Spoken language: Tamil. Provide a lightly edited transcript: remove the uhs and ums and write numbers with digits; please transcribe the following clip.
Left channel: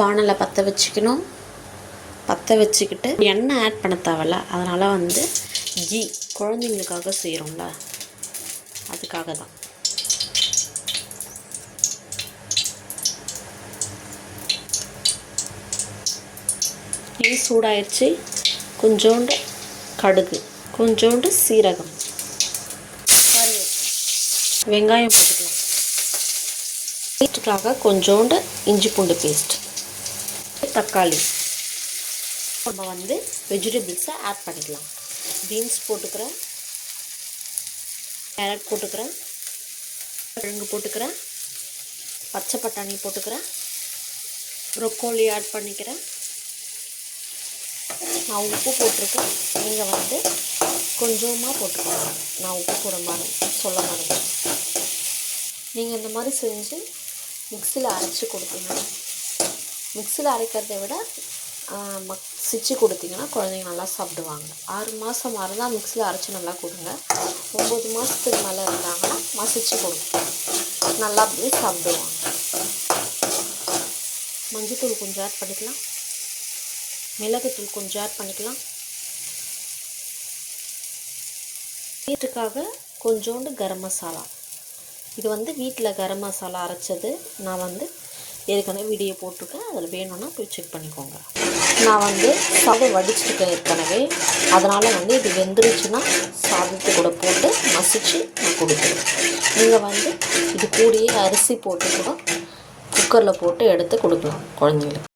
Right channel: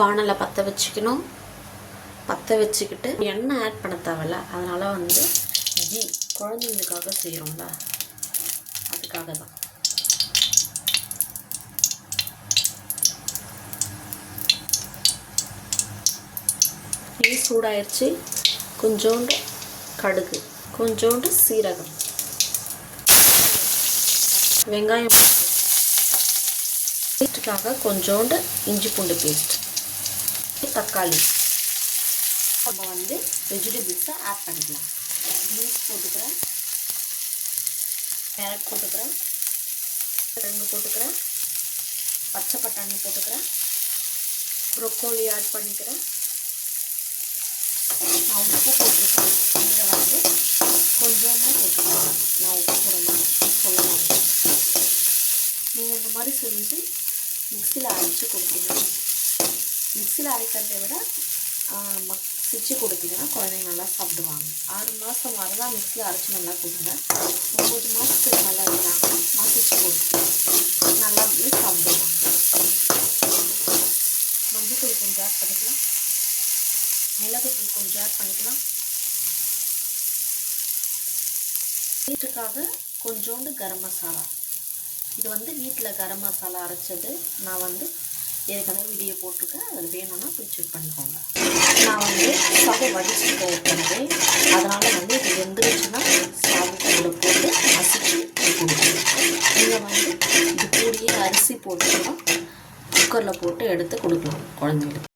வானலை பற்ற வச்சுக்கணும். பற்ற வச்சுக்கிட்டு எண்ணெய் ஆட் பண்ண தேவையில்ல. அதனால் வந்து கீ குழந்தைங்களுக்காக செய்கிறோம்ல, அதுக்காக தான். நெய் சூடாயிருச்சு. கொஞ்சோண்டு கடுகு, கொஞ்சோண்டு சீரகம், வெங்காயம் போட்டுக்கலாம். வீட்டுக்காக கொஞ்சோண்டு இஞ்சி பூண்டு பேஸ்ட், தக்காளி. நம்ம வந்து வெஜிடபிள்ஸை ஆட் பண்ணிக்கலாம். பீன்ஸ் போட்டுக்கிறேன், கேரட் போட்டுக்கிறேன், கிழங்கு போட்டுக்கிறேன், பச்சை பட்டாணி போட்டுக்கிறேன், ப்ரொக்கோலி ஆட் பண்ணிக்கிறேன். நான் உப்பு போட்டிருக்கேன். நீங்கள் வந்து கொஞ்சமாக போட்டுக்கோங்க. நான் உப்பு போட மாட்டேன், சொல்ல மாட்டேன். நீங்கள் இந்த மாதிரி செஞ்சு மிக்சியில் அரைச்சி கொடுத்தீங்கன்னா, மிக்சியில் அரைக்கிறத விட மசிச்சு கொடுத்தீங்கன்னா குழந்தைங்க நல்லா சாப்பிடுவாங்க. 6 மாதம் மாதிரி தான் மிக்சியில் அரைச்சி நல்லா கொடுங்க. 9 மாதத்துக்கு மேலே இருந்தாங்கன்னா மசிச்சு கொடுங்க, நல்லா அப்படியே சாப்பிடுவாங்க. மஞ்சள்தூள் கொஞ்சம் ஆட் பண்ணிக்கலாம், மிளகுத்தூள் கொஞ்சம் ஆட் பண்ணிக்கலாம். வீட்டுக்காக கொஞ்சோண்டு கரம் மசாலா. இது வந்து வீட்டில் கரம் மசாலா அரைச்சது. நான் வந்து ஏற்கனவே வீடியோ போட்டிருக்கேன், அதில் வேணும்னா போய் செக் பண்ணிக்கோங்க. நான் வந்து சாதம் வடிச்சிருக்கேன் ஏற்கனவே, அதனால் வந்து இது வெந்துருச்சுன்னா சாதத்தை கூட போட்டு மசிச்சு நான் கொடுக்குறேன். நீங்கள் வந்து இது கூடயே அரிசி போட்டு கூட குக்கரில் போட்டு எடுத்து கொடுக்கலாம் குழந்தைங்களுக்கு.